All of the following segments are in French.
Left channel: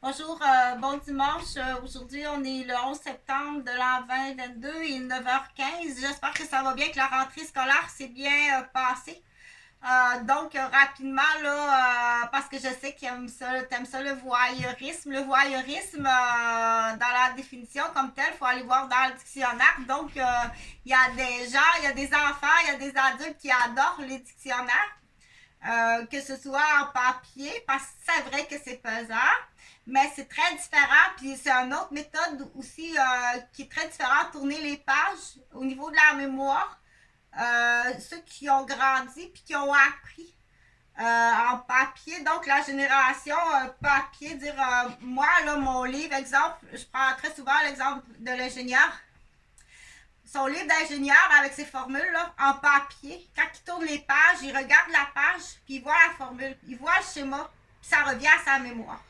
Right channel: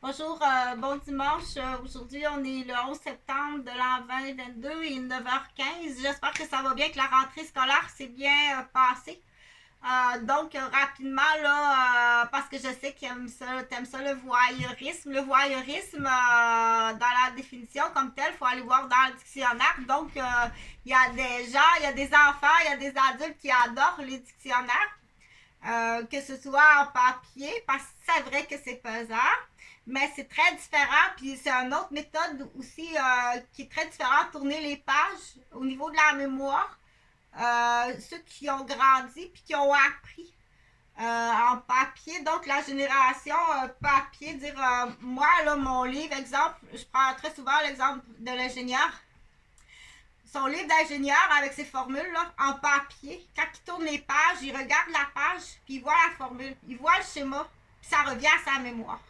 Bonjour, bon dimanche. Aujourd'hui, on est le 11 septembre de l'an 2022 et 9h15. J'espère que ça va bien, que la rentrée scolaire s'est bien passée. Rapidement, là, parce que je sais que t'aimes ça, le voyeurisme. Le voyeurisme, dans la définition comme telle, il faut aller voir dans le dictionnaire. Il y a des gens, il y a des enfants, il y a des adultes qui adorent les dictionnaires. Que ce soit en papier, parce que c'est vrai que c'est pesant, mais c'est très différent. Puis c'est une autre méthode aussi qui est très différente, tourner les pages au niveau de la mémoire. Ceux qui ont grandi puis qui ont appris en papier, donc la génération papier, dire moi, là, mon livre, exemple, je prends très souvent l'exemple de l'ingénieur. Son livre d'ingénieur avec ses formules là, en papier, quand il tourne les pages, il regarde la page, puis il voit la formule, il voit le schéma, puis ça revient à sa mémoire.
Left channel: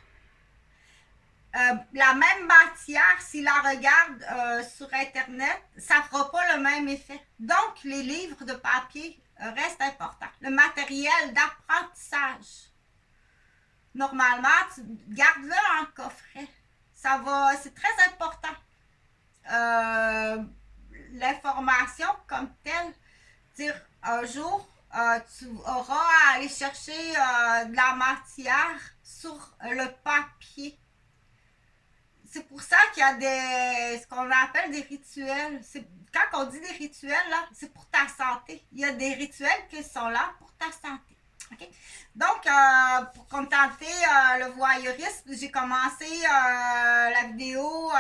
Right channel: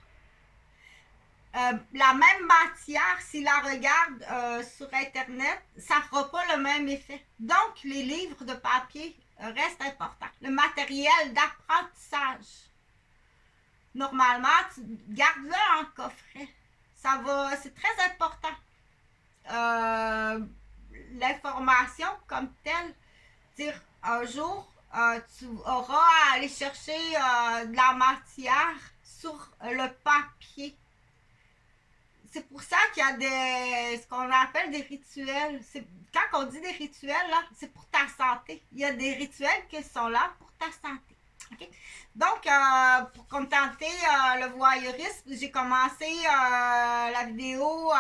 La même matière, s'il la regarde sur Internet, ça ne fera pas le même effet. Donc, les livres de papier restent importants. Le matériel d'apprentissage, normalement, tu gardes-le en coffret. C'est très important. L'information comme telle, dire un jour, tu auras à aller chercher de la matière sur le papier. C'est pour ça qu'il y a ce qu'on appelle des rituels. Quand on dit des rituels, là, c'est pour ta santé. Il y a des rituels qui sont là pour ta santé. Okay? Donc, pour contenter le voyeurisme, j'ai commencé la vidéo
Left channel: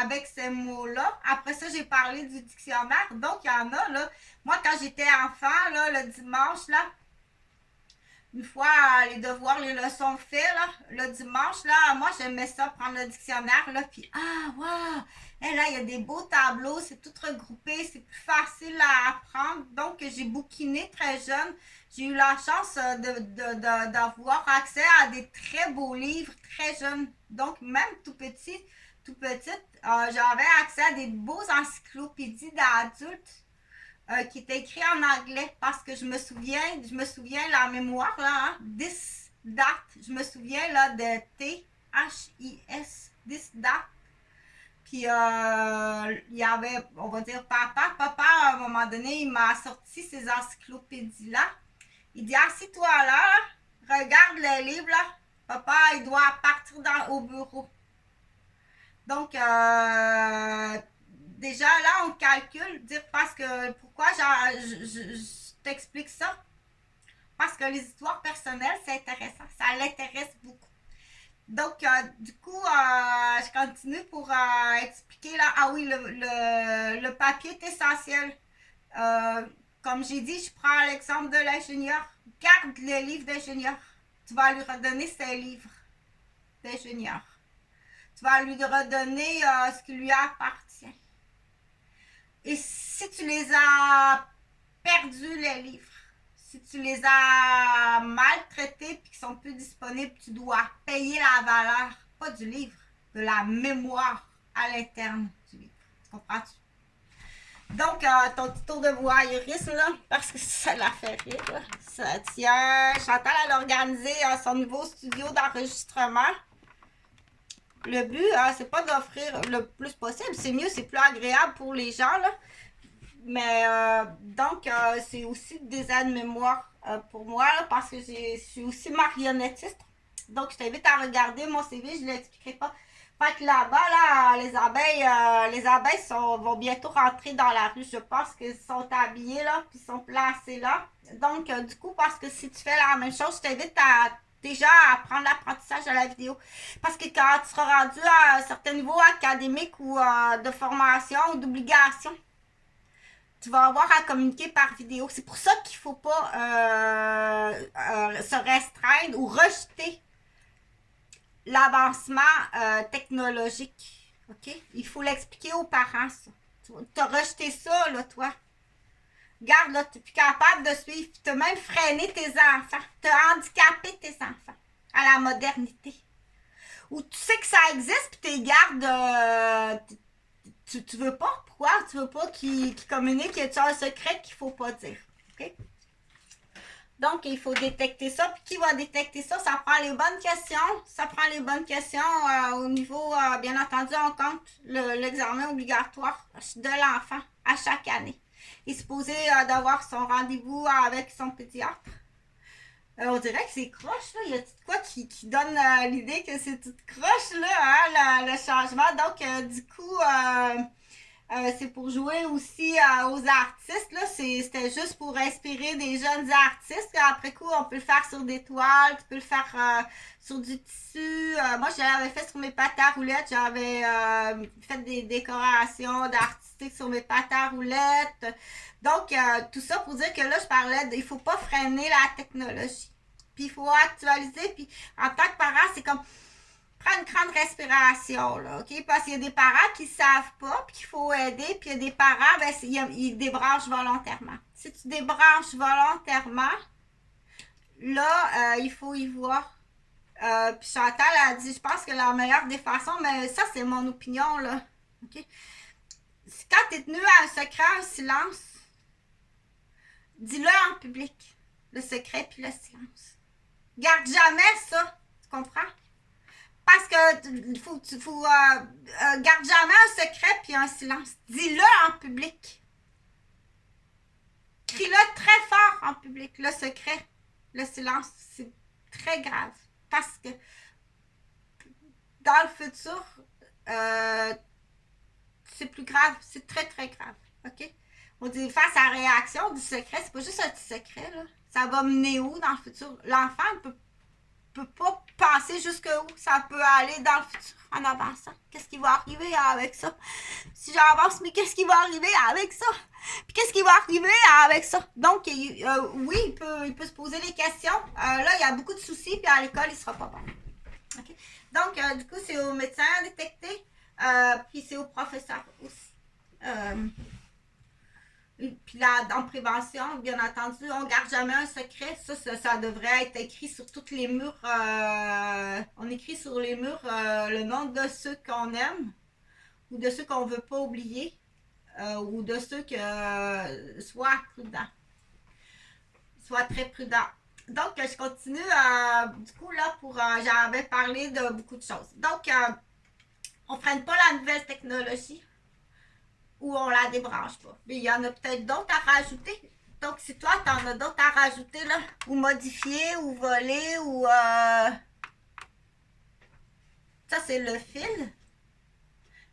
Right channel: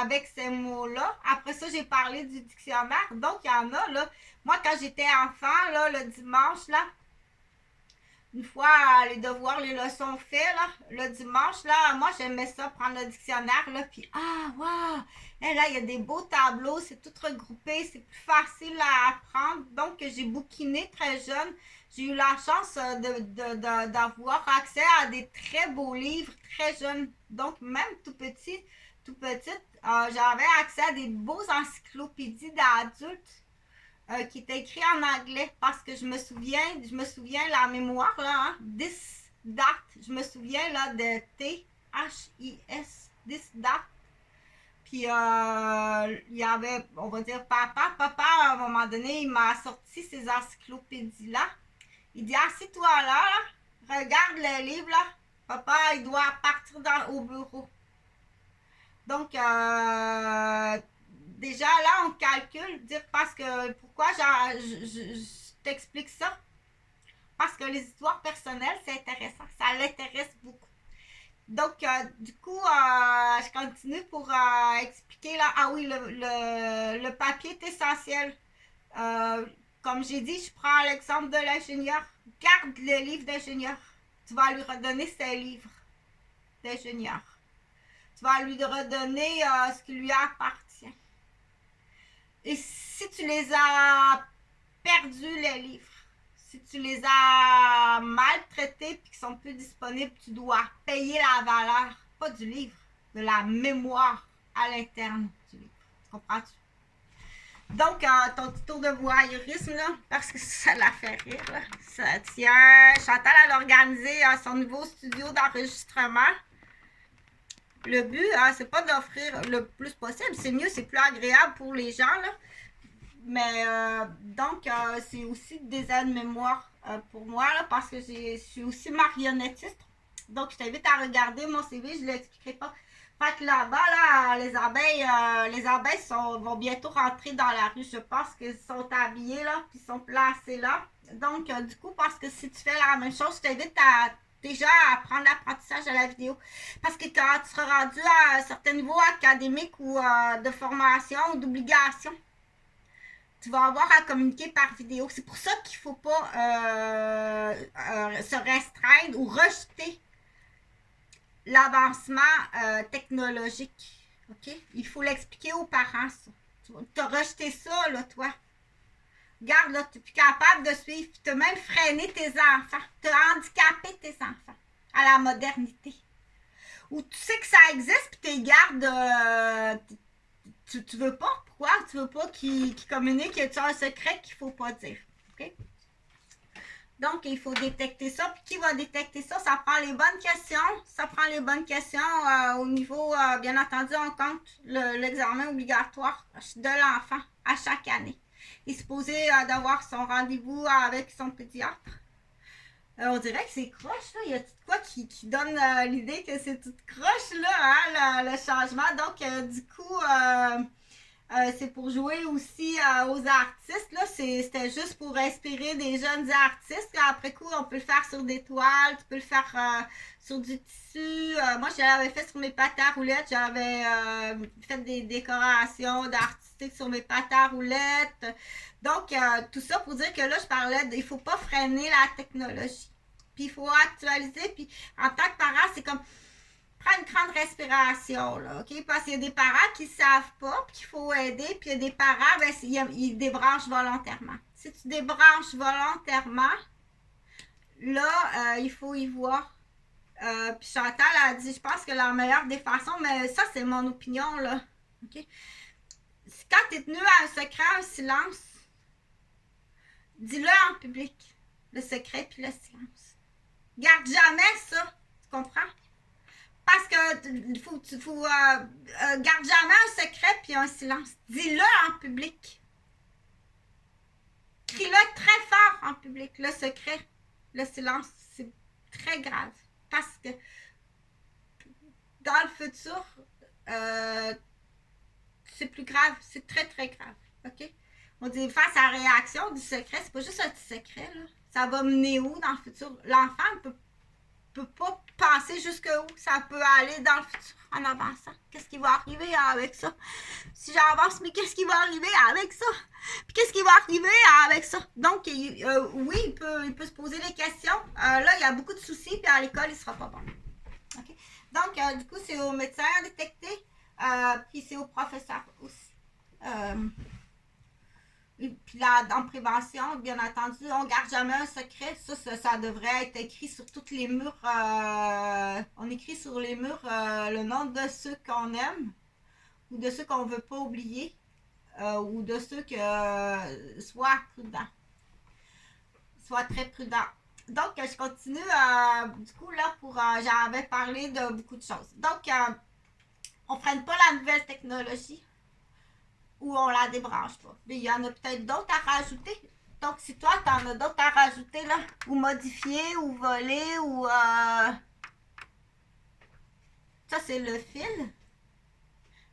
avec ces mots-là. Après ça, j'ai parlé du dictionnaire. Donc, il y en a, là. Moi, quand j'étais enfant, là, le dimanche, là, une fois les devoirs, les leçons faites, là, le dimanche, là, moi, j'aimais ça, prendre le dictionnaire, là, puis waouh! Et là, il y a des beaux tableaux, c'est tout regroupé, c'est plus facile à apprendre. Donc, j'ai bouquiné très jeune. J'ai eu la chance d'avoir accès à des très beaux livres très jeunes. Donc, même tout petite, j'avais accès à des beaux encyclopédies d'adultes qui était écrit en anglais parce que je me souviens la mémoire là, hein, this, that, je me souviens là de T-H-I-S, this, that. Puis il y avait, on va dire papa, à un moment donné, il m'a sorti ces encyclopédies-là. Il dit, assis-toi là, regarde le livre là, papa, il doit partir au bureau. Donc, déjà là, on calcule, dire parce que pourquoi je t'explique ça? Parce que les histoires personnelles, c'est intéressant, ça l'intéresse beaucoup. Donc, du coup, je continue pour expliquer là. Ah oui, le papier est essentiel. Euh, Comme j'ai dit, je prends l'exemple de l'ingénieur. Garde le livre d'ingénieur. Tu vas lui redonner ses livres d'ingénieur. Tu vas lui redonner ce qui lui appartient. Et si tu les as perdus, les livres, si tu les as maltraités et qu'ils sont plus disponibles, tu dois payer la valeur, pas du livre, de la mémoire à l'interne du livre. Tu comprends-tu? Donc, ton petit tour de voyeurisme, là, parce que ça l'a fait rire, là. Ça tient. Chantal, elle a organisé son nouveau studio d'enregistrement. Le but, c'est pas d'offrir le plus possible. C'est mieux, c'est plus agréable pour les gens, là. Mais c'est aussi des aides-mémoires pour moi, là, parce que je suis aussi marionnettiste. Donc, je t'invite à regarder mon CV, je ne l'expliquerai pas. Fait que là-bas, là, les abeilles vont bientôt rentrer dans la rue. Je pense qu'ils sont habillés là, puis sont placés là. Donc, du coup, parce que si tu fais la même chose, je t'invite à déjà apprendre l'apprentissage à la vidéo. Parce que quand tu seras rendu à un certain niveau académique ou de formation ou d'obligation, tu vas avoir à communiquer par vidéo. C'est pour ça qu'il ne faut pas se restreindre ou rejeter l'avancement technologique. OK? Il faut l'expliquer aux parents, ça. Tu as rejeté ça, là, toi. Regarde, là, tu n'es plus capable de suivre. Tu as même freiné tes enfants. Tu as handicapé tes enfants à la modernité. Ou tu sais que ça existe, puis tu les gardes. Tu veux pas? Pourquoi? Tu veux pas qu'ils communiquent? Y a un secret qu'il faut pas dire? OK? Donc, il faut détecter ça. Puis, qui va détecter ça? Ça prend les bonnes questions. Ça prend les bonnes questions au niveau, bien entendu, on compte l'examen obligatoire de l'enfant à chaque année. Il est supposé d'avoir son rendez-vous avec son pédiatre. On dirait que c'est croche, là. Il y a tout quoi qui donne l'idée que c'est tout croche, là, hein, le changement. Donc, du coup, c'est pour jouer aussi aux artistes. Là. C'était juste pour inspirer des jeunes artistes. Après coup, on peut le faire sur des toiles, tu peux le faire sur du tissu. Moi, j'avais fait sur mes pâtes à roulettes. J'avais fait des décorations d'artistiques sur mes pâtes à roulettes. Donc, tout ça pour dire que là, je parlais, il ne faut pas freiner la technologie. Puis, il faut actualiser. Puis, en tant que parent, c'est comme prends une grande respiration, là, OK? Parce qu'il y a des parents qui ne savent pas, puis qu'il faut aider, puis il y a des parents, ben, ils débranchent volontairement. Si tu débranches volontairement, là, il faut y voir. Puis Chantal a dit, je pense que la meilleure des façons, mais ça, c'est mon opinion, là, OK? Quand tu es tenu à un secret, un silence, dis-le en public, le secret puis le silence. Garde jamais ça, tu comprends? Parce que garde jamais un secret puis un silence. Dis-le en public. Crie-le très fort en public. Le secret, le silence, c'est très grave. Parce que dans le futur, c'est plus grave. C'est très, très grave. OK? On dit face à la réaction du secret, c'est pas juste un petit secret, là. Ça va mener où dans le futur? L'enfant ne peut pas penser jusqu'où ça peut aller dans le futur en avançant. Qu'est-ce qui va arriver avec ça? Si j'avance, mais qu'est-ce qui va arriver avec ça? Puis qu'est-ce qui va arriver avec ça? Donc, oui, il peut se poser des questions. Là, il y a beaucoup de soucis, puis à l'école, il ne sera pas bon. Okay? Donc, du coup, c'est au médecin à détecter, puis c'est au professeur aussi. Puis là, en prévention, bien entendu, on ne garde jamais un secret. Ça devrait être écrit sur tous les murs. On écrit sur les murs le nom de ceux qu'on aime ou de ceux qu'on ne veut pas oublier ou de ceux que soient prudents. Soient très prudents. Donc, je continue. Du coup, là, j'avais parlé de beaucoup de choses. Donc, on ne freine pas la nouvelle technologie. Ou on la débranche pas. Mais il y en a peut-être d'autres à rajouter. Donc, si toi, tu en as d'autres à rajouter, là, ou modifier, ou voler, ou... Ça, c'est le fil.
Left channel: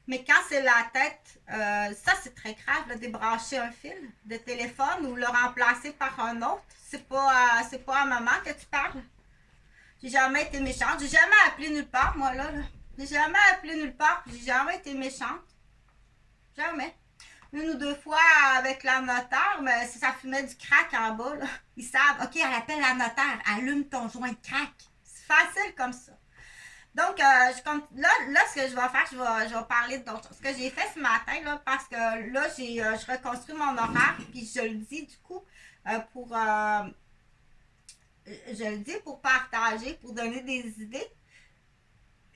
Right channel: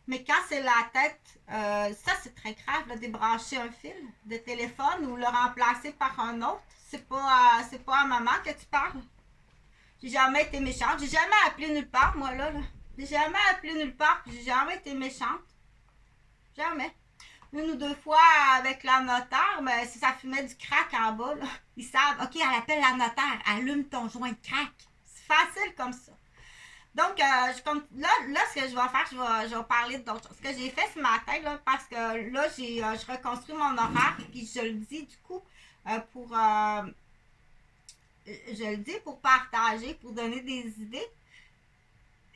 Mais quand c'est la tête, ça, c'est très grave, là, débrancher un fil de téléphone ou le remplacer par un autre. C'est pas à maman que tu parles. J'ai jamais été méchante. J'ai jamais appelé nulle part, moi, là. J'ai jamais appelé nulle part. J'ai jamais été méchante. Jamais. Une ou deux fois avec la notaire, mais si ça fumait du crack en bas, là, ils savent, OK, elle appelle la notaire, allume ton joint de crack. C'est facile comme ça. Donc, là, ce que je vais faire, je vais parler d'autres choses. Ce que j'ai fait ce matin, là, parce que là, je reconstruis mon horaire, puis je le dis du coup, je le dis pour partager, pour donner des idées.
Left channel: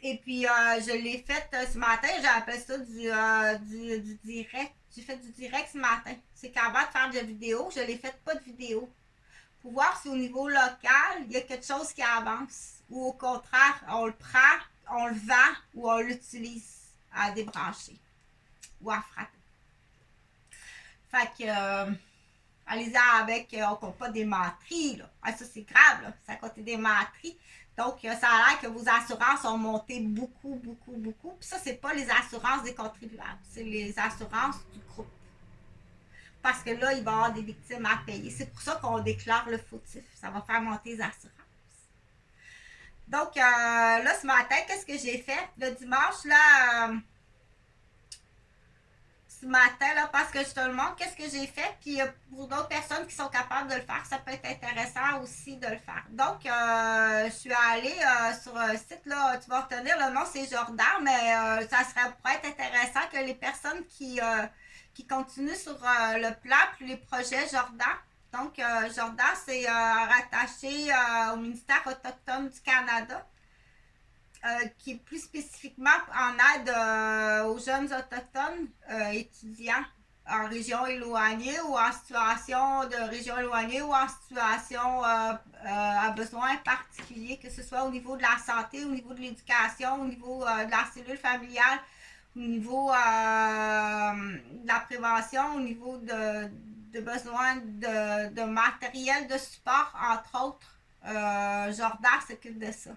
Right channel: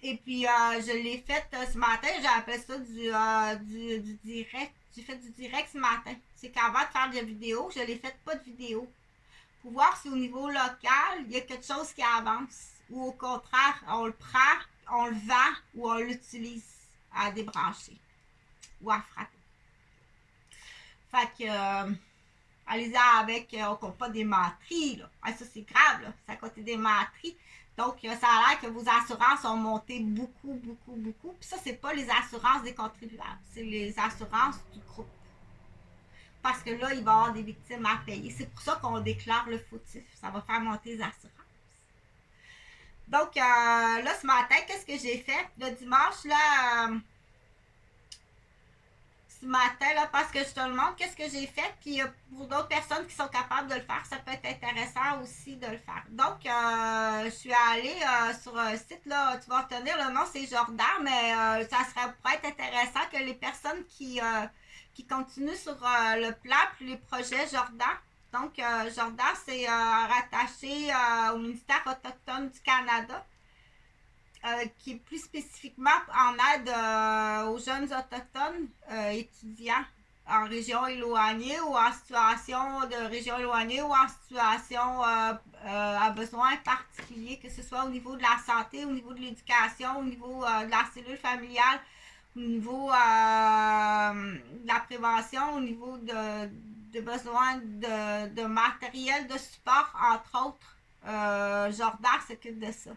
Et puis, je l'ai fait ce matin, j'ai appelé ça du direct. J'ai fait du direct ce matin. C'est qu'avant de faire de la vidéo, je n'ai fait pas de vidéo. Pour voir si au niveau local, il y a quelque chose qui avance. Ou au contraire, on le prend, on le vend ou on l'utilise à débrancher ou à frapper. Fait que, allez-y avec, on ne compte pas des menteries. Là. Ah, ça, c'est grave, là. Ça compte des menteries. Donc, ça a l'air que vos assurances ont monté beaucoup, beaucoup, beaucoup. Puis ça, c'est pas les assurances des contribuables. C'est les assurances du groupe. Parce que là, il va y avoir des victimes à payer. C'est pour ça qu'on déclare le fautif. Ça va faire monter les assurances. Donc, là, ce matin, qu'est-ce que j'ai fait? Le dimanche, là... ce matin, là, parce que je te le montre, qu'est-ce que j'ai fait, puis pour d'autres personnes qui sont capables de le faire, ça peut être intéressant aussi de le faire. Donc, je suis allée sur un site, là, tu vas retenir, le nom c'est Jordan, mais ça pourrait être intéressant que les personnes qui continuent sur le plan, puis les projets Jordan. Donc, Jordan, c'est rattaché au ministère autochtone du Canada. Qui est plus spécifiquement en aide aux jeunes autochtones étudiants en région éloignée ou en situation de région éloignée ou en situation à besoin particulier, que ce soit au niveau de la santé, au niveau de l'éducation, au niveau de la cellule familiale, au niveau de la prévention, au niveau de besoins de matériel de support, entre autres. Jordan s'occupe de ça.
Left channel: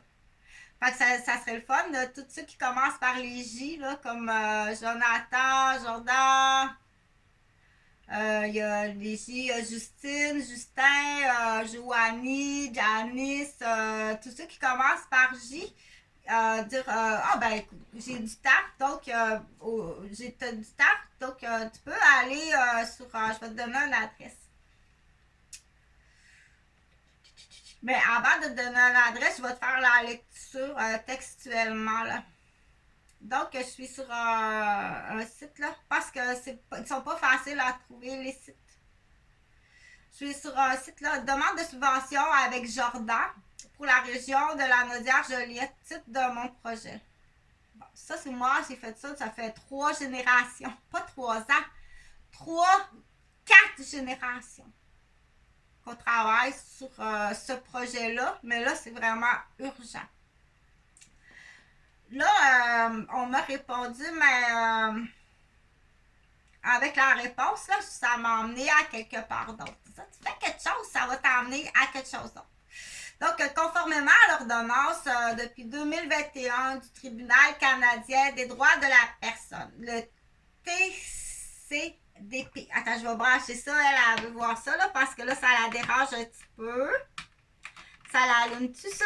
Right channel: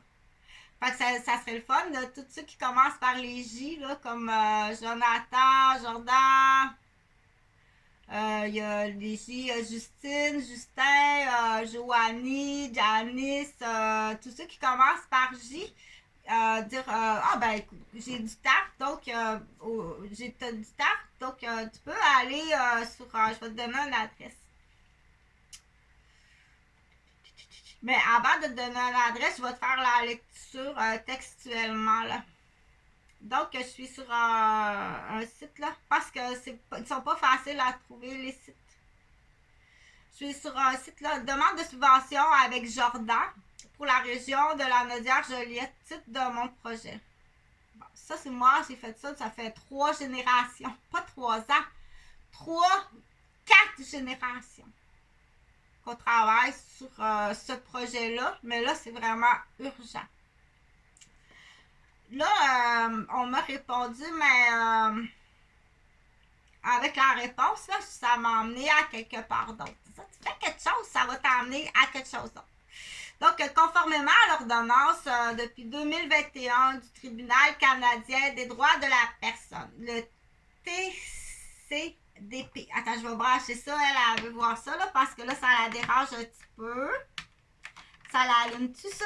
Fait que ça serait le fun, là, tous ceux qui commencent par les J, là, comme Jonathan, Jordan, il y a les J, Justine, Justin, Joanie, Janice, tous ceux qui commencent par J, dire ah ben écoute, j'ai du temps, donc j'ai du temps, donc tu peux aller sur, je vais te donner une adresse. Mais avant de te donner une adresse, je vais te faire la lecture textuellement là. Donc, je suis sur un site là, parce que ils sont pas faciles à trouver les sites. Je suis sur un site là, demande de subvention avec Jordan pour la région de la Naudière-Joliette, titre de mon projet. Bon, ça c'est moi, j'ai fait ça fait 3 générations, pas 3 ans, 4 générations qu'on travaille sur ce projet-là, mais là c'est vraiment urgent. Là, on m'a répondu, mais avec la réponse, là, ça m'a emmené à quelque part d'autre. Ça, tu fais quelque chose, ça va t'emmener à quelque chose d'autre. Donc, conformément à l'ordonnance depuis 2021 du Tribunal canadien des droits de la personne, le TCDP. Attends, je vais brancher ça, elle veut voir ça, là, parce que là, ça la dérange un petit peu. Ça l'allume-tu, ça?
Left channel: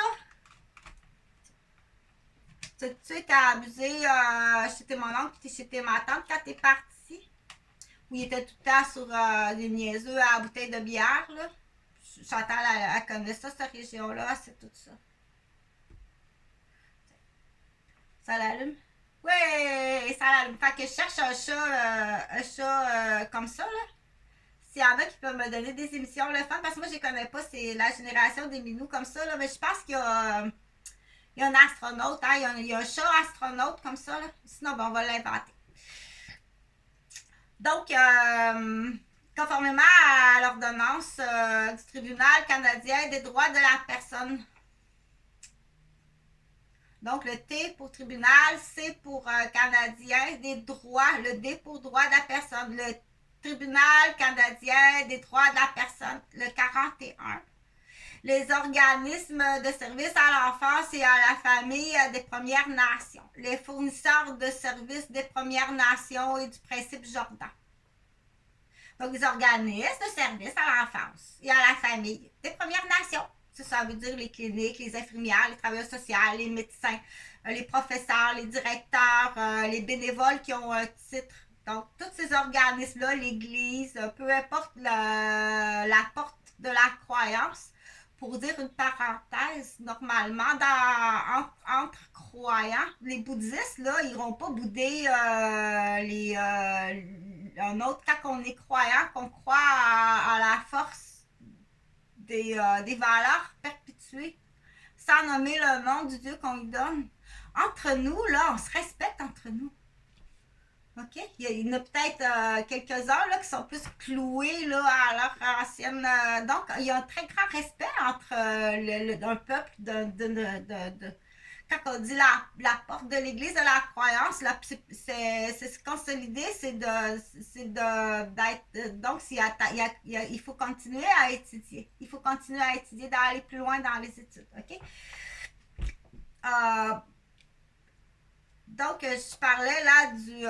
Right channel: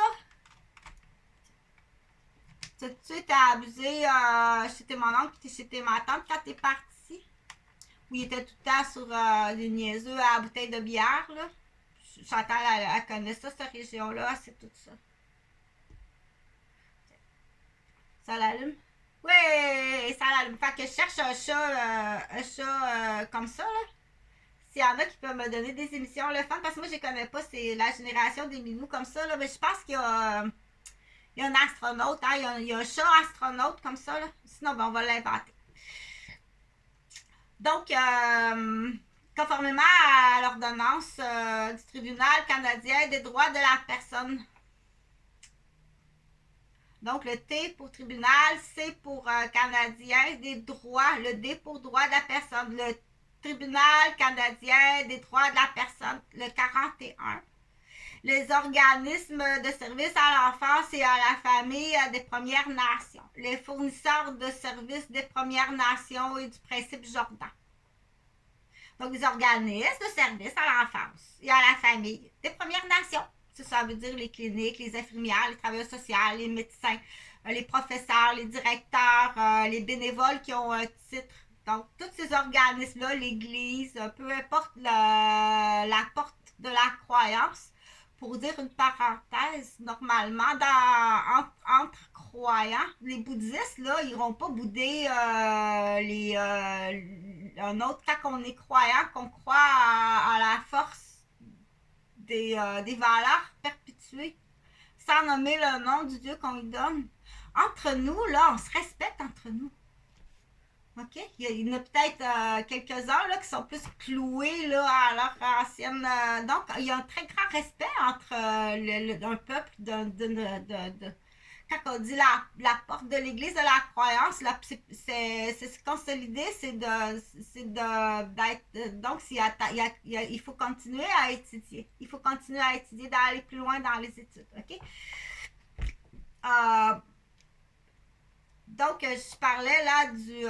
Tu étais abusé chez tes mon oncle et chez tes ma tante quand t'es parti? Où il était tout le temps sur les niaiseux à la bouteille de bière, là? Chantal, elle connaît ça, cette région-là, c'est tout ça. Ça l'allume? Oui, ça l'allume. Fait que je cherche un chat comme ça, là. S'il y en a qui peuvent me donner des émissions, le fun, parce que moi, je les connais pas, c'est la génération des minous comme ça, là. Mais je pense qu'il y a... il y a un astronaute, hein? Il y a un chat astronaute comme ça, là. Sinon, ben, on va l'inventer. Donc, conformément à l'ordonnance du Tribunal canadien des droits de la personne. Donc, le T pour tribunal, C pour canadien des droits, le D pour droit de la personne. Le Tribunal canadien des droits de la personne, le 41. Les organismes de services à l'enfance et à la famille des Premières Nations. Les fournisseurs de services des Premières Nations et du principe Jordan. Donc, les organismes de services à l'enfance et à la famille des Premières Nations. Ça veut dire les cliniques, les infirmières, les travailleurs sociaux, les médecins, les professeurs, les directeurs, les bénévoles qui ont un titre. Donc, tous ces organismes-là, l'Église, peu importe la porte de la croyance, pour dire une parenthèse, normalement, entre croyants, les bouddhistes, là, ils n'iront pas bouder un autre, quand on est croyant, qu'on croit à la force des valeurs perpétuées, sans nommer le nom du Dieu qu'on lui donne. Entre nous, là, on se respecte entre nous. OK? Il y en a peut-être quelques-uns là, qui sont plus cloués là, à leur ancienne. Donc, il y a un très grand respect entre un peuple quand on dit la porte de l'église de la croyance, c'est se consolider, c'est d'être. Donc, il faut continuer à étudier. Il faut continuer à étudier, d'aller plus loin dans les études. OK? Donc, je parlais là du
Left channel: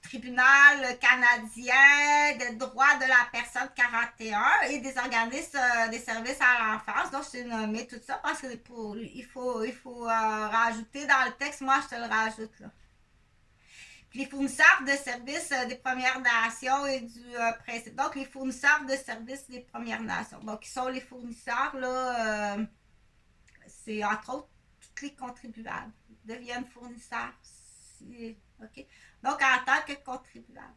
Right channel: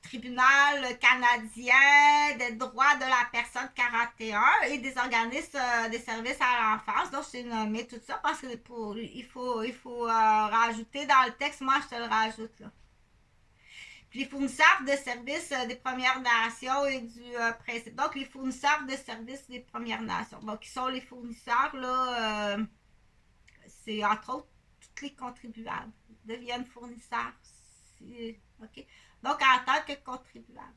tribunal canadien des droits de la personne 41 et des organismes des services à l'enfance. Donc, je t'ai nommé tout ça parce que il faut rajouter dans le texte. Moi, je te le rajoute là. Puis les fournisseurs de services des Premières Nations et du principe. Donc, les fournisseurs de services des Premières Nations. Donc, qui sont les fournisseurs là? C'est entre autres tous les contribuables deviennent fournisseurs. OK? Donc, en tant que contribuable.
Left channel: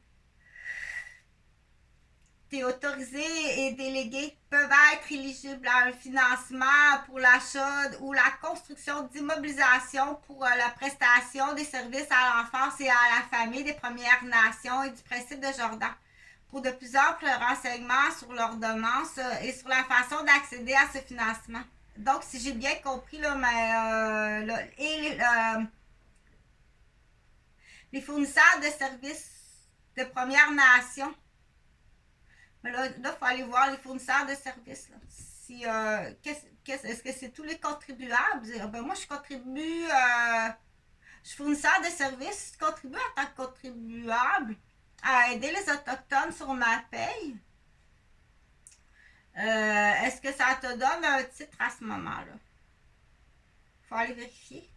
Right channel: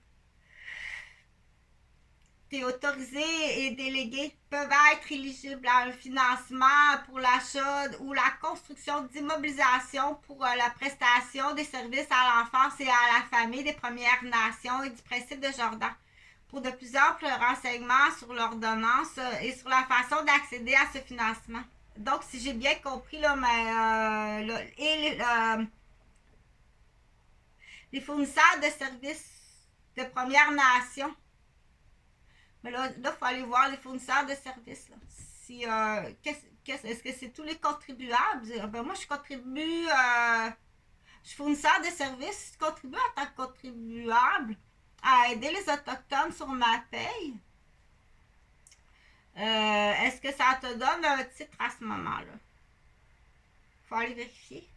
tes autorisés et délégués peuvent être éligibles à un financement pour l'achat ou la construction d'immobilisation pour la prestation des services à l'enfance et à la famille des Premières Nations et du principe de Jordan. Pour de plus amples renseignements sur l'ordonnance et sur la façon d'accéder à ce financement. Donc, si j'ai bien compris, là, les fournisseurs de services de Premières Nations. Mais là, il faut aller voir les fournisseurs de services. Là. Si, est-ce que c'est tous les contribuables? Ben, moi, je contribue, je suis fournisseur de services, je contribue en tant que contribuable à aider les Autochtones sur ma paye. Est-ce que ça te donne un titre à ce moment-là? Il faut aller vérifier.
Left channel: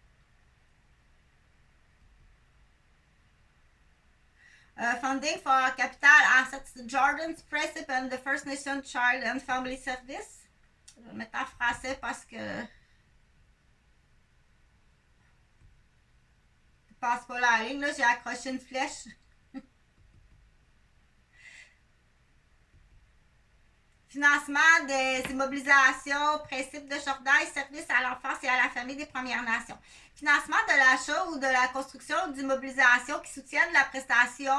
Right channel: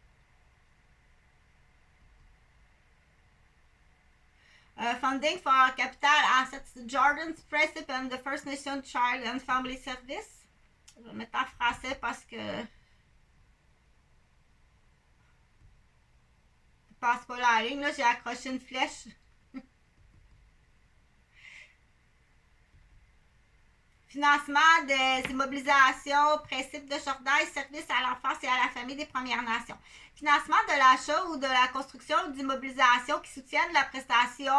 Funding for Capital Assets Jordan's Principe and the First Nation Child and Family Service. Je vais mettre en français parce que je passe pas la ligne, là, j'ai accroché une flèche. Financement des immobilisations, principe de Jordan et services à l'enfance et à la famille des Premières Nations. Financement de l'achat ou de la construction d'immobilisations qui soutiennent la prestation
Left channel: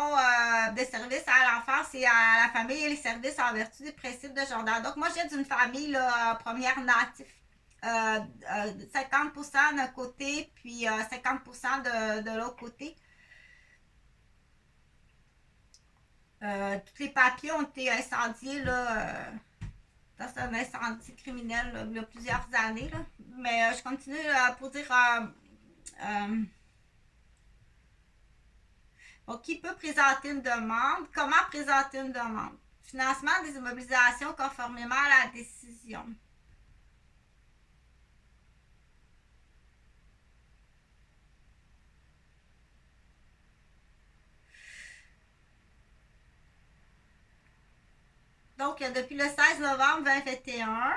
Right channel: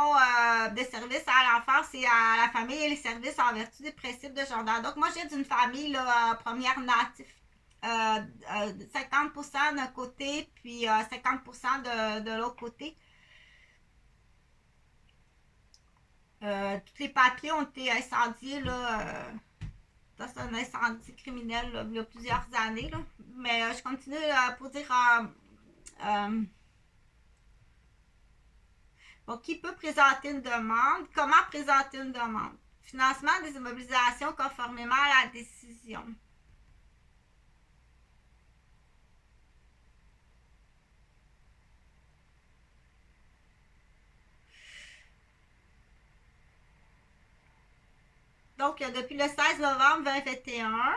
de services à l'enfance et à la famille et les services en vertu des principes de Jordan. Donc, moi, je viens d'une famille là, première native. 50% d'un côté, puis 50% de l'autre côté. Tous les papiers ont été incendiés là, dans un incendie criminel là, il y a plusieurs années. Là. Mais je continue pour dire donc, qui peut présenter une demande? Comment présenter une demande? Financement des immobilisations conformément à la décision. Donc, depuis le 16 novembre 2021,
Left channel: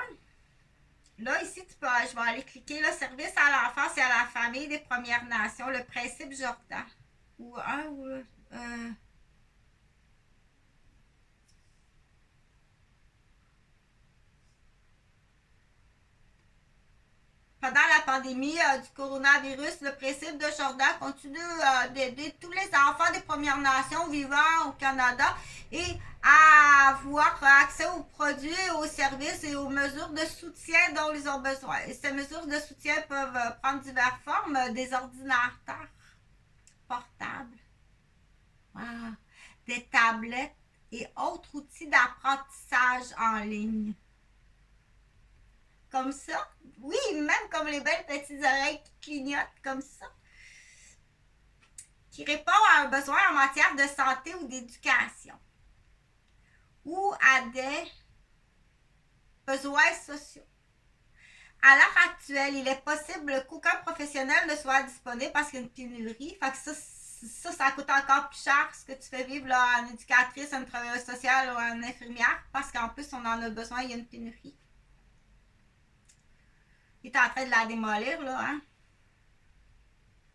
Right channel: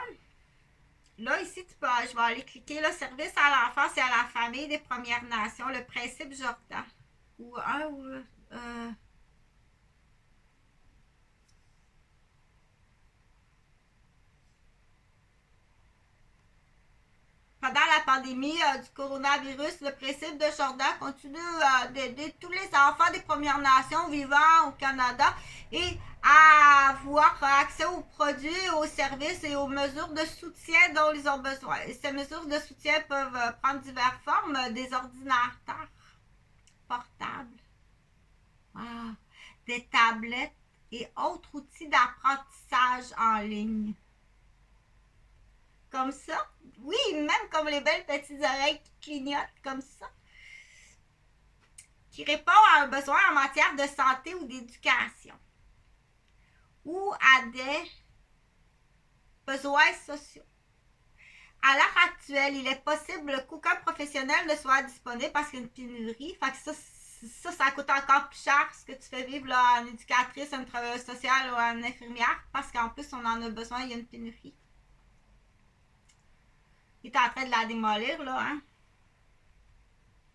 là, ici, je vais aller cliquer le service à l'enfance et à la famille des Premières Nations, le principe Jordan. Pendant la pandémie du coronavirus, le principe de Jordan continue d'aider tous les enfants des Premières Nations vivant au Canada et à avoir accès aux produits, aux services et aux mesures de soutien dont ils ont besoin. Et ces mesures de soutien peuvent prendre diverses formes, des ordinateurs portables, des tablettes et autres outils d'apprentissage en ligne. Comme ça. Oui, même comme les belles petites oreilles qui clignotent comme ça. Qui répond à un besoin en matière de santé ou d'éducation. Ou à des besoins sociaux. À l'heure actuelle, il est possible qu'aucun professionnel ne soit disponible parce qu'il y a une pénurie. Fait que ça coûte encore plus cher ce que tu fais vivre là, en éducatrice, en travailleuse sociale ou en infirmière parce qu'en plus, on en a besoin, il y a une pénurie. Il est en train de la démolir, là, hein?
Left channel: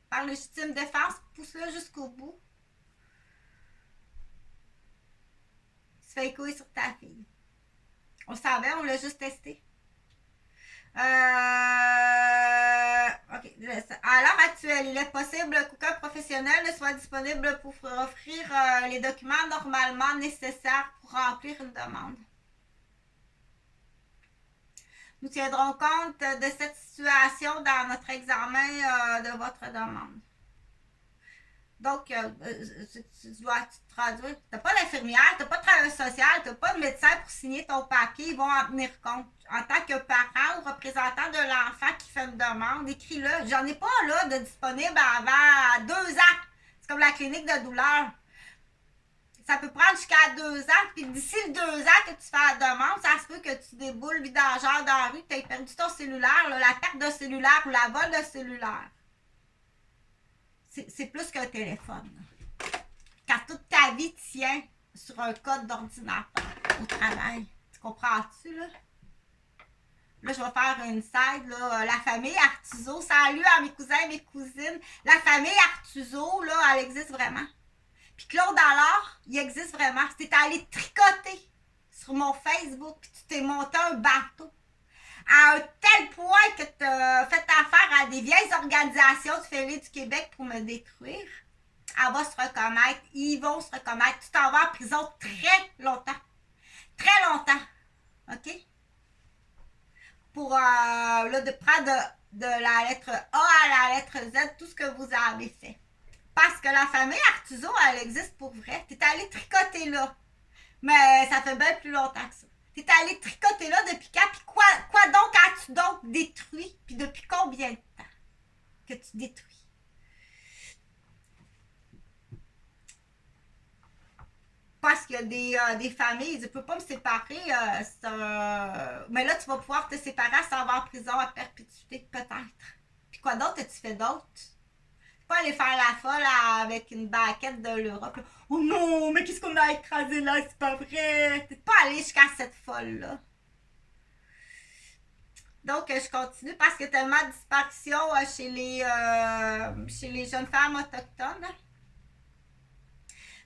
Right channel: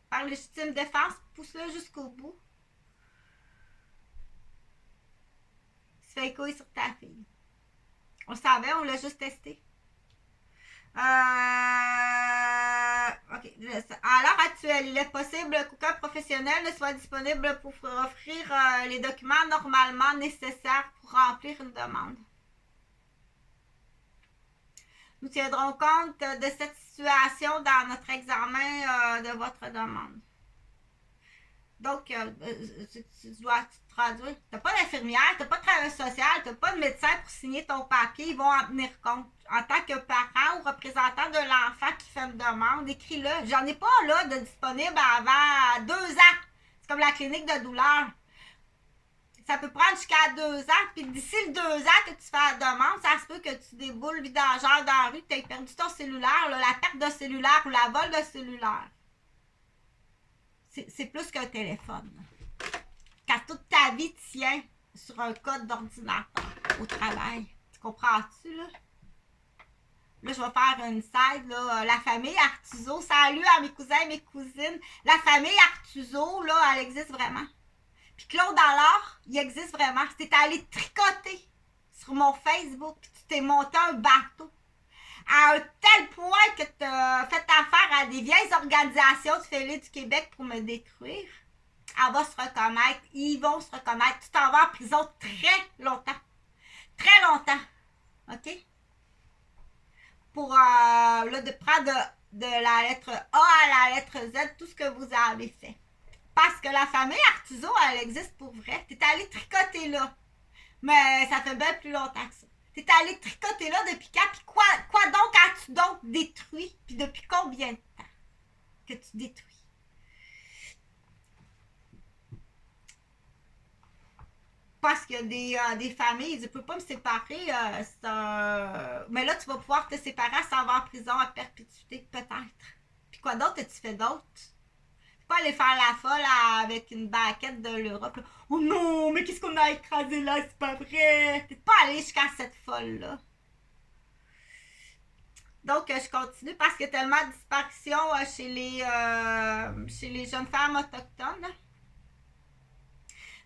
Par légitime défense, pousse-le jusqu'au bout. Il se fait écouiller sur ta fille. On le savait, on l'a juste testé. OK. À l'heure actuelle, il est possible qu'aucun professionnel ne soit disponible pour offrir les documents normalement nécessaires pour remplir une demande. Nous tiendrons compte de cette situation dans notre examen de votre demande. Donc, tu dois te traduire. Tu n'as pas d'infirmière, tu n'as pas de travailleur social, tu n'as pas de médecin pour signer ton papier. Ils vont en tenir compte. En tant que parent ou représentant de l'enfant qui fait une demande, écris-le. J'en ai pas là de disponible avant 2 ans. C'est comme la clinique de douleur. Ça peut prendre jusqu'à 2 ans, puis d'ici le 2 ans que tu fais la demande, ça se peut que tu déboules vidangeur dans la rue, que tu aies perdu ton cellulaire, là, la perte de cellulaire ou la vol de cellulaire. C'est plus qu'un téléphone. Quand toute ta vie tient sur un code d'ordinateur au travail. Tu comprends-tu, là? Là, je vais faire une side, là. La famille Artuso. Salut à mes cousins et mes cousines. La famille Artuso, là, elle existe vraiment. Puis Claude Allard, il existe vraiment. C'est allé tricoter sur mon Facebook, puis tu t'es monté un bateau à un tel point que tu as fait affaire à des vieilles organisations du Félix du Québec pour me détruire, elle va se reconnaître, ils vont se reconnaître. Tu t'en vas en prison très longtemps. Très longtemps. OK? Pour de prendre de la lettre A à la lettre Z tout ce que vous avez fait. Parce que la famille Artuso, elle existe pour vrai. T'es allé tricoter là. Mais ça fait bien plus longtemps que ça. T'es allé tricoter là depuis quand? Puis quoi donc as-tu donc détruit? Puis depuis combien de temps que tu détruis? Parce qu'il y a des familles, je ne peux pas me séparer. Mais là, tu vas pouvoir te séparer sans avoir en prison à perpétuité, peut-être. Puis quoi d'autre as-tu fait d'autre? Tu peux aller faire la folle avec une baquette de l'Europe. Là. Oh non, mais qu'est-ce qu'on a écrasé là? C'est pas vrai. T'es pas allé jusqu'à cette folle-là. Donc, je continue parce qu'il y a tellement de disparitions chez les jeunes femmes autochtones.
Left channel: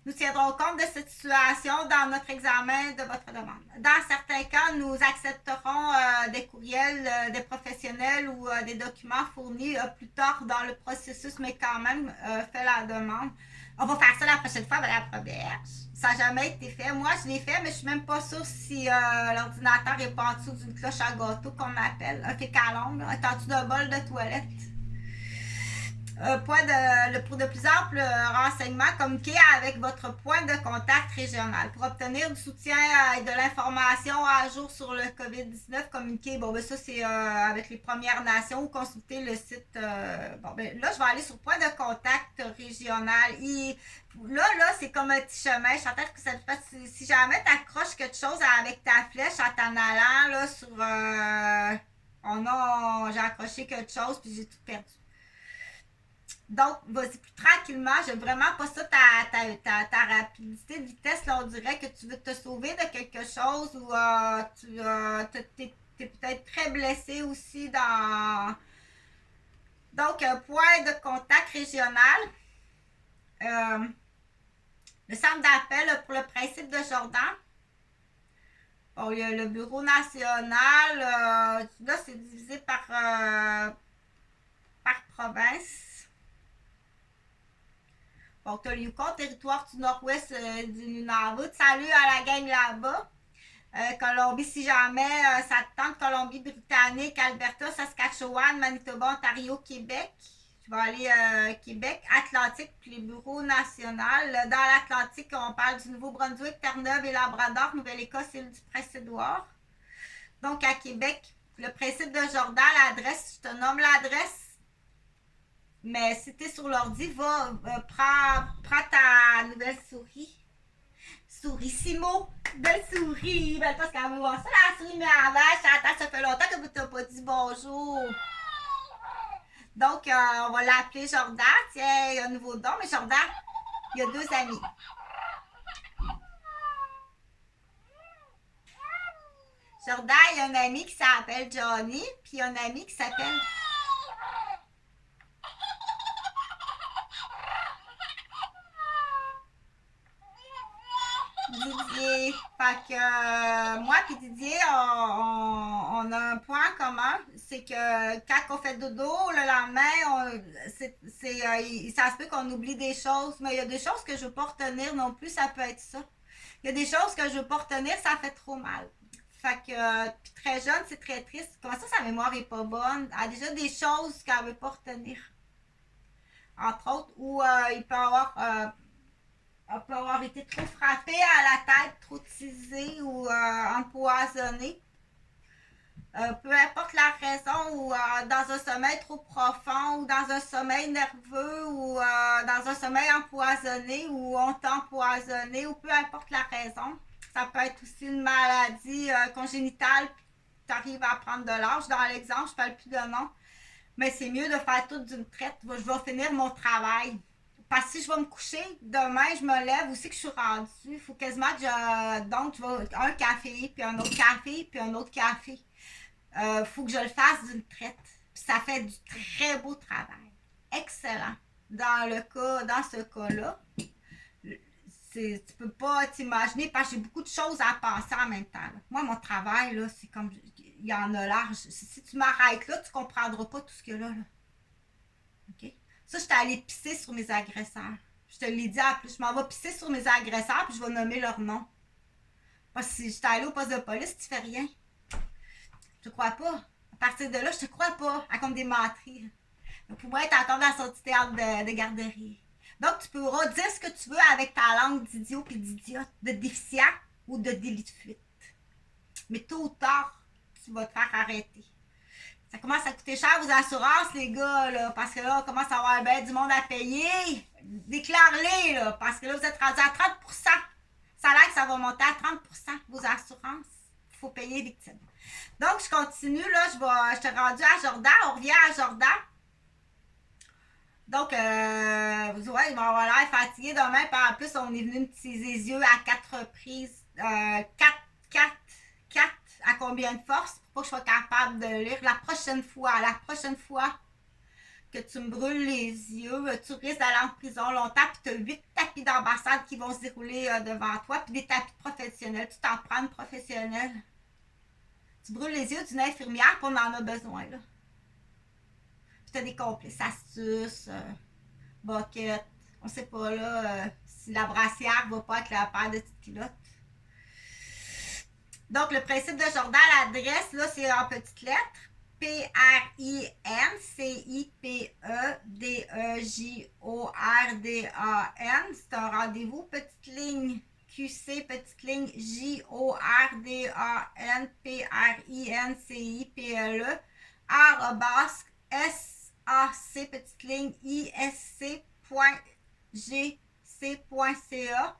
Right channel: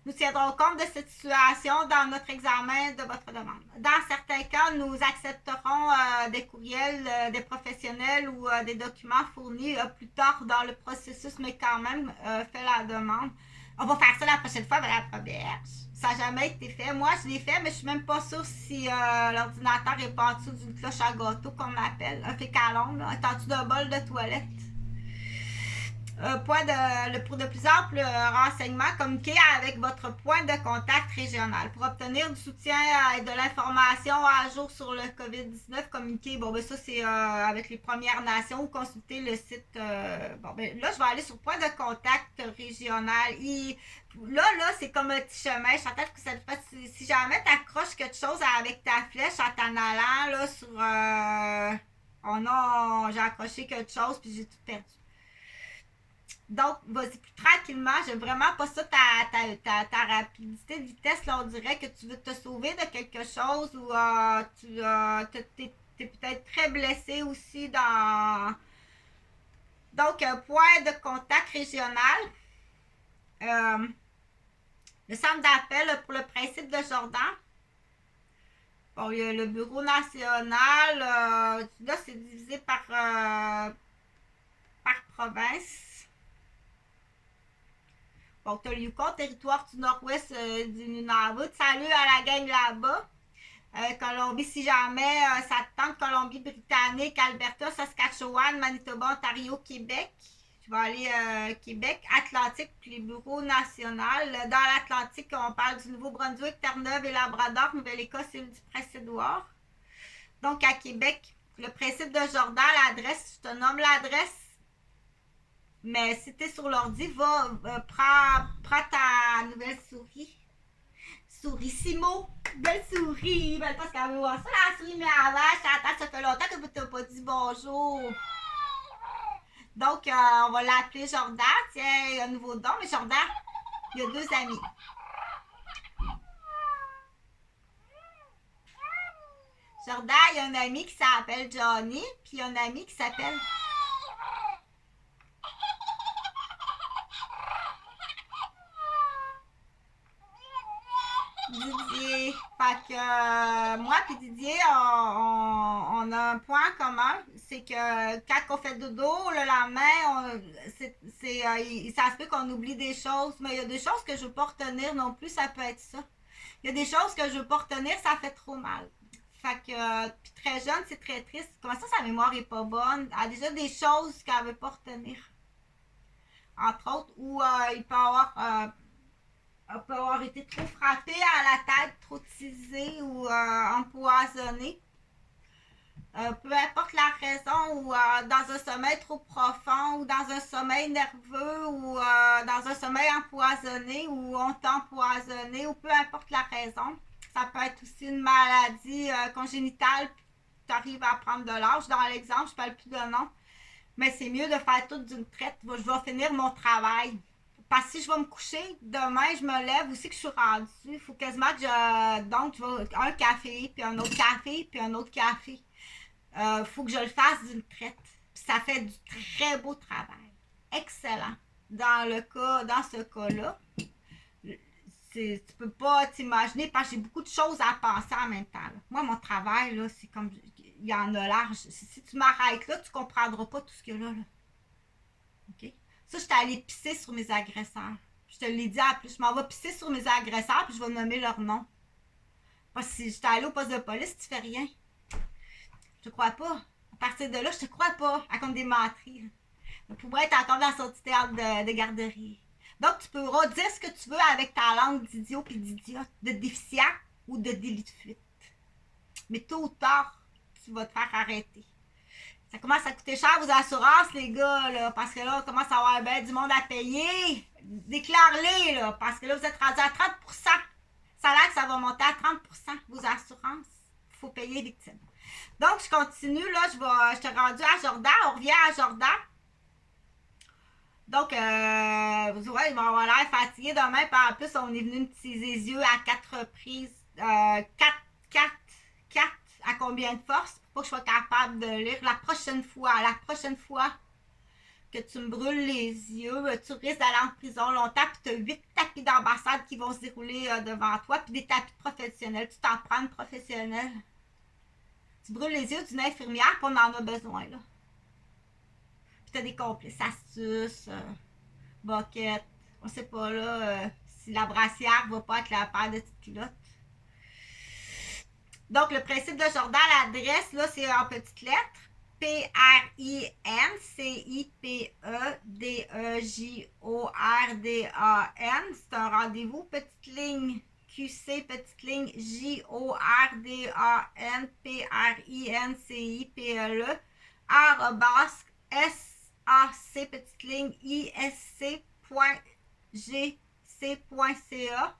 Nous tiendrons compte de cette situation dans notre examen de votre demande. Dans certains cas, nous accepterons des courriels des professionnels ou des documents fournis plus tard dans le processus, mais quand même, fait la demande. On va faire ça la prochaine fois, Mme Roberge. Ça n'a jamais été fait. Moi, je l'ai fait, mais je suis même pas sûre si l'ordinateur n'est pas en dessous d'une cloche à gâteau qu'on appelle, un fécalombe, là, est en dessous d'un bol de toilette. Pour de plus amples renseignements, communiquez avec votre point de contact régional. Pour obtenir du soutien et de l'information à jour sur le COVID-19, communiquez. Bon, ben ça, c'est avec les Premières Nations ou consultez le site. Là, je vais aller sur point de contact régional. Là, c'est comme un petit chemin. Je suis en train que ça te fasse. Si jamais tu accroches quelque chose avec ta flèche en t'en allant là, sur. Oh non, j'ai accroché quelque chose puis j'ai tout perdu. Donc, vas-y plus tranquillement. J'aime vraiment pas ça, ta rapidité de vitesse. Là, on dirait que tu veux te sauver de quelque chose ou tu es peut-être très blessé aussi dans. Donc, point de contact régional. Le centre d'appel pour le principe de Jordan. Bon, il y a le bureau national. Là, c'est divisé par province. Donc, tu as le Yukon, territoire du nord-ouest du Nunavut. Salut à la gang là-bas. Colombie, si jamais ça te tente, Colombie-Britannique, Alberta, Saskatchewan, Manitoba, Ontario, Québec. Je vais aller Québec, Atlantique, puis les bureaux nationaux. Dans l'Atlantique, on parle du Nouveau-Brunswick, Terre-Neuve et Labrador, Nouvelle-Écosse et du Prince-Édouard. Donc, à Québec, le principe de Jordan, l'adresse, je te nomme l'adresse. Mais si t'es sur l'ordi, prends ta nouvelle souris. Sourissimo. Belle souris. Ben, parce qu'elle va voir ça, la souris, mais avant, ça fait longtemps que vous t'as pas dit bonjour. Donc, on va l'appeler Jordan. Tiens, il y a un nouveau don, mais Jordan, il y a 2 amis. Jordan, il y a un ami qui s'appelle Johnny, puis il y a un ami qui s'appelle Didier. Fait que moi et Didier, on a un point commun. C'est que quand on fait dodo, le lendemain, ça se peut qu'on oublie des choses. Mais il y a des choses que je ne veux pas retenir non plus, ça peut être ça. Il y a des choses que je ne veux pas retenir, ça fait trop mal. Fait que, puis très jeune, c'est très triste. Comment ça, sa mémoire est pas bonne? Elle a déjà des choses qu'elle ne veut pas retenir. Entre autres, ou il peut avoir été trop frappé à la tête, trop teasé ou empoisonné. Peu importe la raison, ou dans un sommeil trop profond, ou dans un sommeil nerveux, ou dans un sommeil empoisonné, ou on t'a empoisonné, ou peu importe la raison. Ça peut être aussi une maladie congénitale, puis tu arrives à prendre de l'âge. Dans l'exemple, je ne parle plus de nom, mais c'est mieux de faire tout d'une traite. Je vais finir mon travail. Parce que si je vais me coucher, demain, je me lève aussi que je suis rendue. Il faut quasiment que donc, je vais un café, puis un autre café, puis un autre café. Faut que je le fasse d'une traite. Puis ça fait du très beau travail. Excellent. Dans ce cas-là, tu peux pas t'imaginer parce que j'ai beaucoup de choses à penser en même temps. Là. Moi, mon travail, là, c'est comme. Il y en a large. Si tu m'arrêtes là, tu comprendras pas tout ce qu'il y a là. OK? Ça, j'étais allée pisser sur mes agresseurs. Je te l'ai dit en plus. Je m'en vais pisser sur mes agresseurs puis je vais nommer leur nom. Parce que si j'étais allée au poste de police, tu fais rien. Je te crois pas. À partir de là, je te crois pas. À compte des menteries. Donc, pour moi, être encore dans son petit théâtre de garderie. Donc, tu pourras dire ce que tu veux avec ta langue d'idiot puis d'idiote, de déficient ou de délit de fuite. Mais tôt ou tard, tu vas te faire arrêter. Ça commence à coûter cher aux assurances, les gars, là, parce que là, on commence à avoir ben du monde à payer. Déclare-les, là, parce que là, vous êtes rendu à 30%. Ça a l'air que ça va monter à 30%, vos assurances. Il faut payer les victimes. Donc, je continue, là, je te rendu à Jordan, on revient à Jordan. Donc, vous voyez, il va avoir l'air fatigué demain. Puis en plus, on est venu me teaser les yeux à 4 reprises. 4 à combien de force pour pas que je sois capable de lire. La prochaine fois que tu me brûles les yeux, tu risques d'aller en prison longtemps. Puis tu as 8 tapis d'ambassade qui vont se dérouler devant toi. Puis des tapis professionnels. Tu t'en prends une professionnelle. Tu brûles les yeux d'une infirmière, puis on en a besoin, là. T'as des complices, astuces, boquettes. On sait pas là si la brassière va pas avec la paire de petites culottes. Donc, le principe de Jordan, l'adresse, là, c'est en petites lettres. PRINCIPEDEJORDAN. C'est un rendez-vous. Petite ligne QC, petite ligne JORDAN PRINCIPLE @SAC petite ligne isc.gc.ca.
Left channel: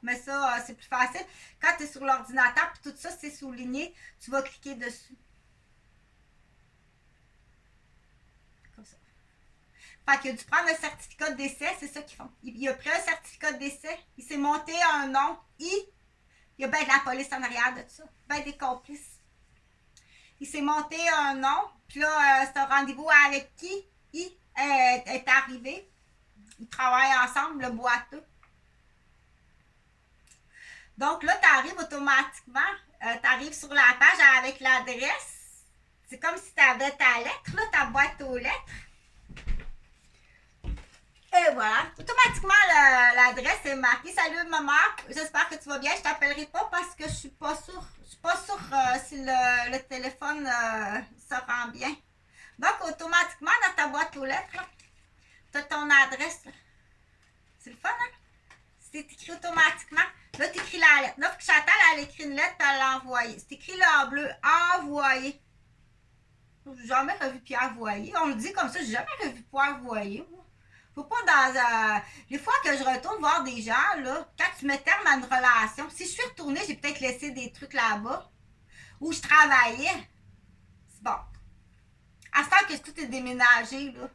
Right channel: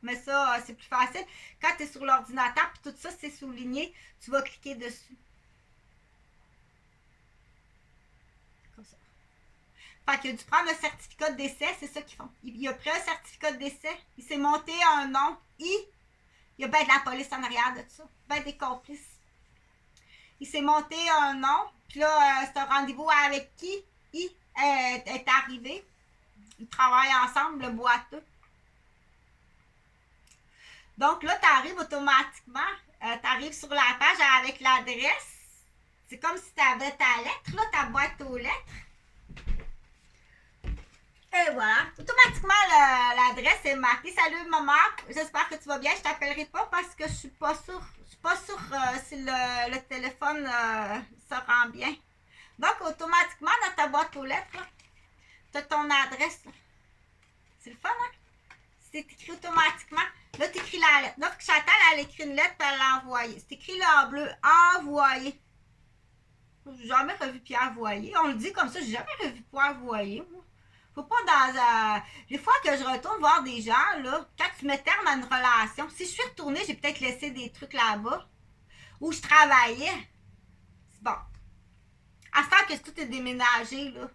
Mais ça, c'est plus facile. Quand tu es sur l'ordinateur puis tout ça, c'est souligné, tu vas cliquer dessus. Comme ça. Fait qu'il a dû prendre le certificat de décès, c'est ça qu'ils font. Il a pris un certificat de décès, il s'est monté un nom, il y a bien de la police en arrière de ça, bien des complices. Il s'est monté un nom, puis là, c'est un rendez-vous avec qui il est arrivé. Ils travaillent ensemble, le boiteux. Donc là, tu arrives automatiquement, tu arrives sur la page avec l'adresse. C'est comme si tu avais ta lettre, là, ta boîte aux lettres. Et voilà, automatiquement, l'adresse est marquée. Salut maman, j'espère que tu vas bien. Je t'appellerai pas parce que je suis pas sûre si le téléphone se rend bien. Donc, automatiquement, dans ta boîte aux lettres, tu as ton adresse. Là. C'est le fun, hein? C'est écrit automatiquement. Là, tu écris la lettre. Là, il faut que Chantal, elle écrit une lettre et l'envoyer. C'est écrit là en bleu. Envoyer. J'ai jamais revu Pierre Voyer. On le dit comme ça, j'ai jamais revu Pierre Voyer. Faut pas dans les fois que je retourne voir des gens, là, quand tu mets terme à une relation, si je suis retournée, j'ai peut-être laissé des trucs là-bas où je travaillais. C'est bon. À ce temps que tout est déménagé, là.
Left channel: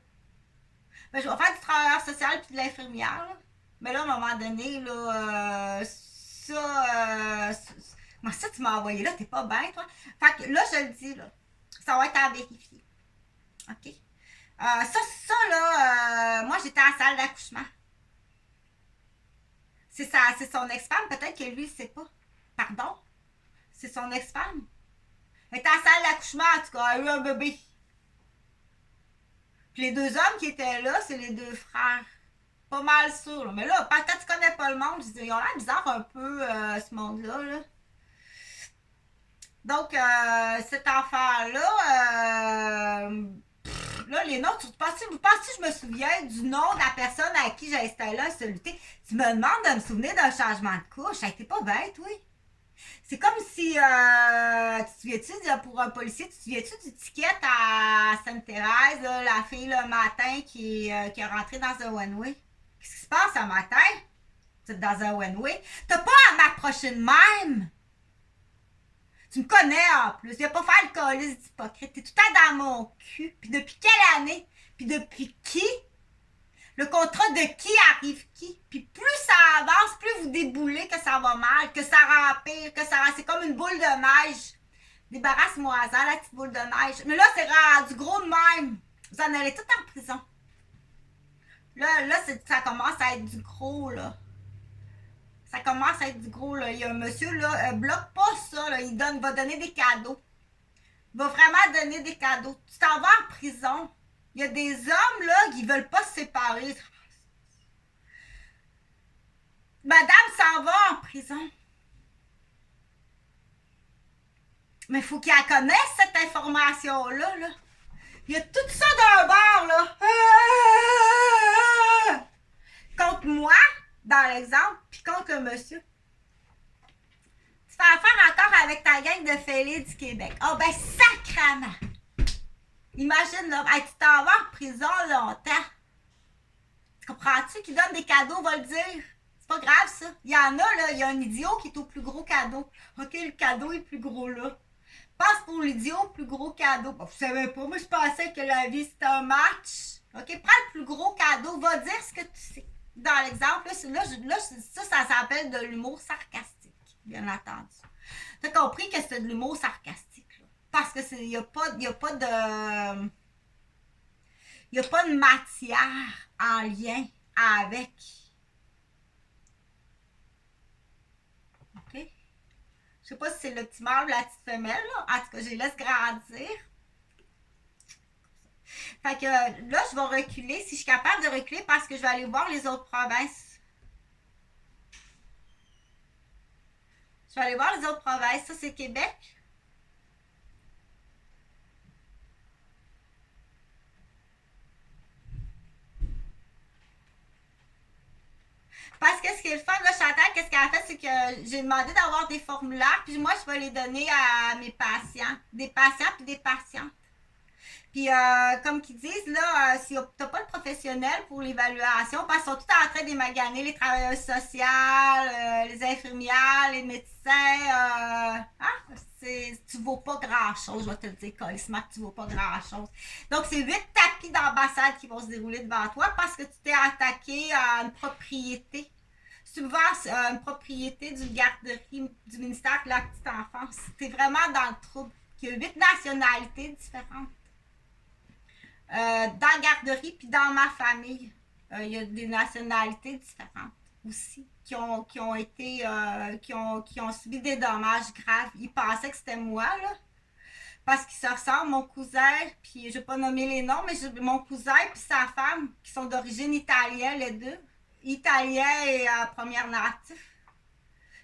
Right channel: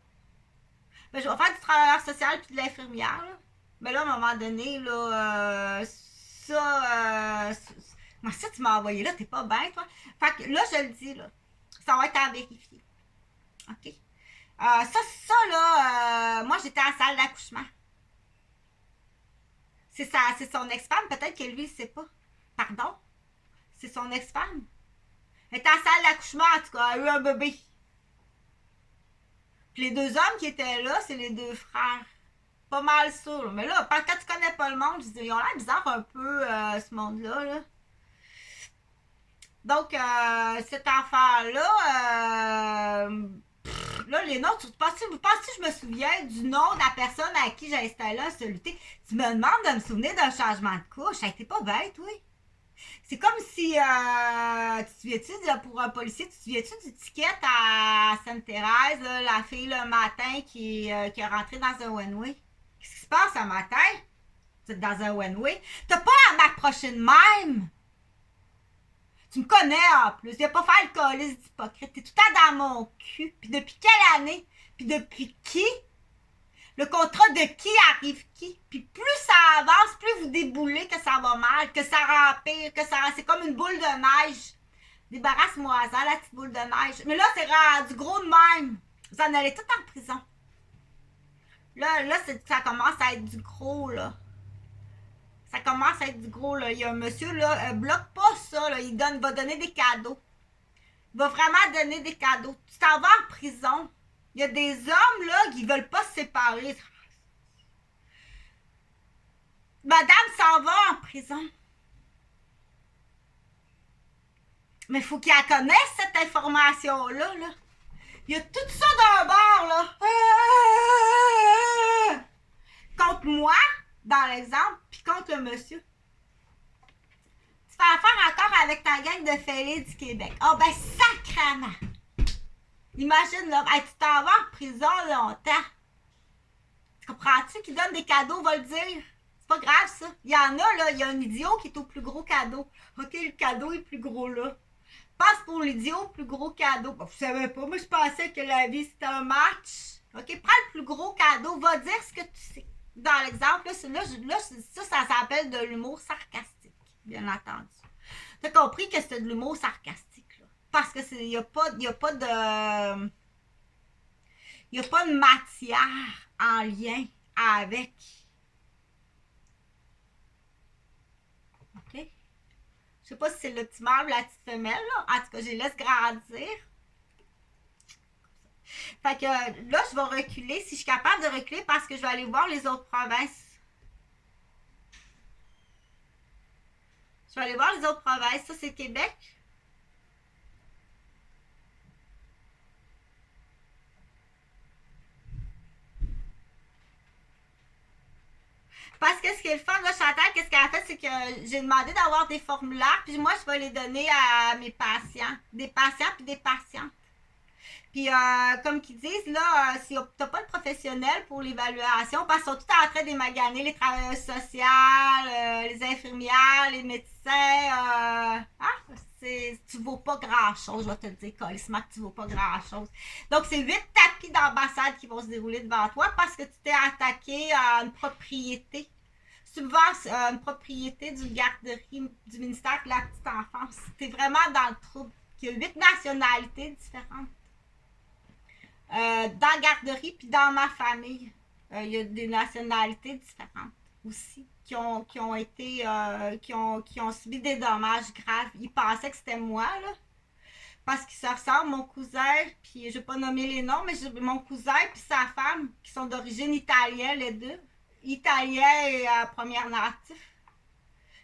Ben, je vais faire du travailleur social puis de l'infirmière, là. Mais là, à un moment donné, là, moi, ça, tu m'as envoyé là, t'es pas bien, toi. Fait que là, je le dis, là, ça va être à vérifier. OK? Ça là, moi, j'étais en salle d'accouchement. C'est son ex-femme, peut-être que lui, il sait pas. Pardon? C'est son ex-femme. Elle était en salle d'accouchement, en tout cas, elle a eu un bébé. Puis les 2 hommes qui étaient là, c'est les 2 frères. Pas mal sûr. Là. Mais là, quand tu connais pas le monde, ils ont l'air bizarre un peu, ce monde-là. Là. Donc, cet enfant-là, là, les noms, vous pensez que je me souviens du nom de la personne à qui j'ai installé un soluté? Tu me demandes de me souvenir d'un changement de couche. Ça a été pas bête, oui. C'est comme si, tu te souviens-tu, pour un policier, tu te souviens-tu du ticket à Sainte-Thérèse, la fille le matin qui est rentrée dans un one-way? Qu'est-ce qui se passe un matin? Tu es dans un one-way. T'as pas à m'approcher de même. Tu me connais en plus. Viens pas faire le colis d'hypocrite. T'es tout le temps dans mon cul. Puis depuis quelle année? Puis depuis qui? Le contrat de qui arrive qui? Puis plus ça avance, plus vous déboulez que ça va mal, que ça rempire, que ça... C'est comme une boule de neige. Débarrasse-moi-en, la petite boule de neige. Mais là, c'est rendu gros de même. Vous en allez tout en prison. Là ça commence à être du gros, là. Ça commence à être du gros, là. Il y a un monsieur, là, bloque pas ça, là. Va donner des cadeaux. Il va vraiment donner des cadeaux. Tu t'en vas en prison. Il y a des hommes, là, qui veulent pas se séparer. Madame s'en va en prison. Mais il faut qu'elle connaisse cette information-là, là. Il y a tout ça d'un bord, là. Contre moi, dans l'exemple, puis contre le monsieur. Tu fais affaire encore avec ta gang de fêlés du Québec. Ah, ben, sacrament! Imagine, là, hey, tu t'en vas en prison longtemps. Tu comprends-tu qui donne des cadeaux, va le dire? C'est pas grave, ça. Il y en a, là, il y a un idiot qui est au plus gros cadeau. OK, le cadeau est plus gros, là. Passe pour l'idiot, plus gros cadeau. Ben, vous savez pas, moi, je pensais que la vie, c'était un match. OK, prends le plus gros cadeau, va dire ce que tu sais. Dans l'exemple, ça s'appelle de l'humour sarcastique, bien entendu. Tu as compris que c'est de l'humour sarcastique, là. Parce que il n'y a pas de matière en lien avec. OK? Je sais pas si c'est le petit mâle ou la petite femelle, là. En tout cas, je les laisse grandir. Fait que là, je vais reculer. Si je suis capable de reculer, parce que je vais aller voir les autres provinces. Je vais aller voir les autres provinces. Ça, c'est Québec. Parce que ce qui est le fun, là, Chantal, qu'est-ce qu'elle a fait, c'est que j'ai demandé d'avoir des formulaires, puis moi, je vais les donner à mes patients. Des patients puis des patientes. Puis, comme qu'ils disent, là, si tu n'as pas de professionnel pour l'évaluation, parce qu'ils sont tout en train d'émaganer les travailleurs sociaux, les infirmières, les médecins. Tu ne vaux pas grand-chose, je vais te le dire, colissement, que tu ne vaux pas grand-chose. Donc, c'est 8 tapis d'ambassade qui vont se dérouler devant toi parce que tu t'es attaqué à une propriété. Une propriété d'une garderie du ministère de la Petite Enfance. Tu es vraiment dans le trouble. Il y a 8 nationalités différentes. Dans la garderie puis dans ma famille, il y a des nationalités différentes aussi qui ont subi des dommages graves. Ils pensaient que c'était moi, là, parce qu'ils se ressemblent, mon cousin, puis je ne vais pas nommer les noms, mais mon cousin puis sa femme, qui sont d'origine italienne, les deux. Italien et première natif.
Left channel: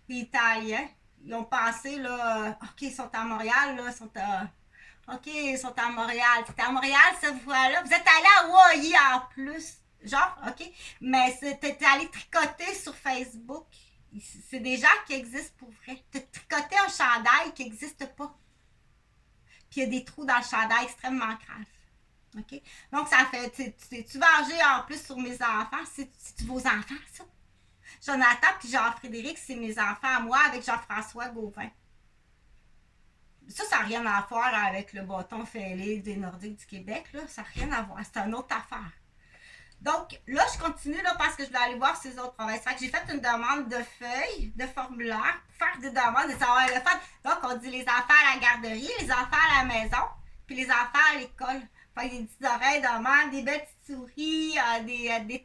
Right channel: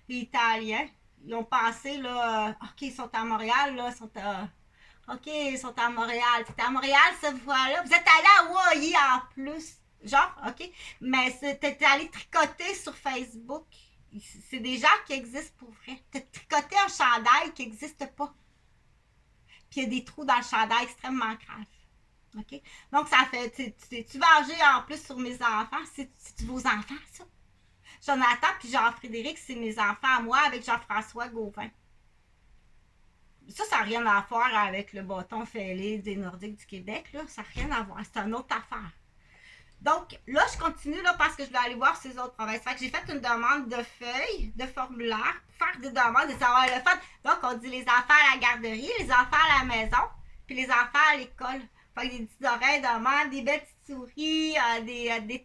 Les Italiens. Ils ont pensé, là, OK, ils sont à Montréal, là, OK, ils sont à Montréal. T'es à Montréal cette fois-là. Vous êtes allé à Hawaii en plus. Genre, OK. Mais t'es allé tricoter sur Facebook. C'est des gens qui existent pour vrai. T'as tricoté un chandail qui n'existe pas. Puis il y a des trous dans le chandail extrêmement graves. OK? Donc, ça fait. Tu vengé en plus sur mes enfants. C'est vos enfants, ça? Jonathan puis Jean-Frédéric, c'est mes enfants à moi avec Jean-François Gauvin. Ça n'a rien à faire avec le bâton fêlé des Nordiques du Québec. Là. Ça n'a rien à voir. C'est une autre affaire. Donc, là, je continue là, parce que je vais aller voir ces autres provinces. Fait que j'ai fait une demande de feuilles, de formulaire, pour faire des demandes, de savoir le fun. Donc, on dit les enfants à la garderie, les enfants à la maison, puis les enfants à l'école. Fait que des petites oreilles de menthe, des belles petites souris, des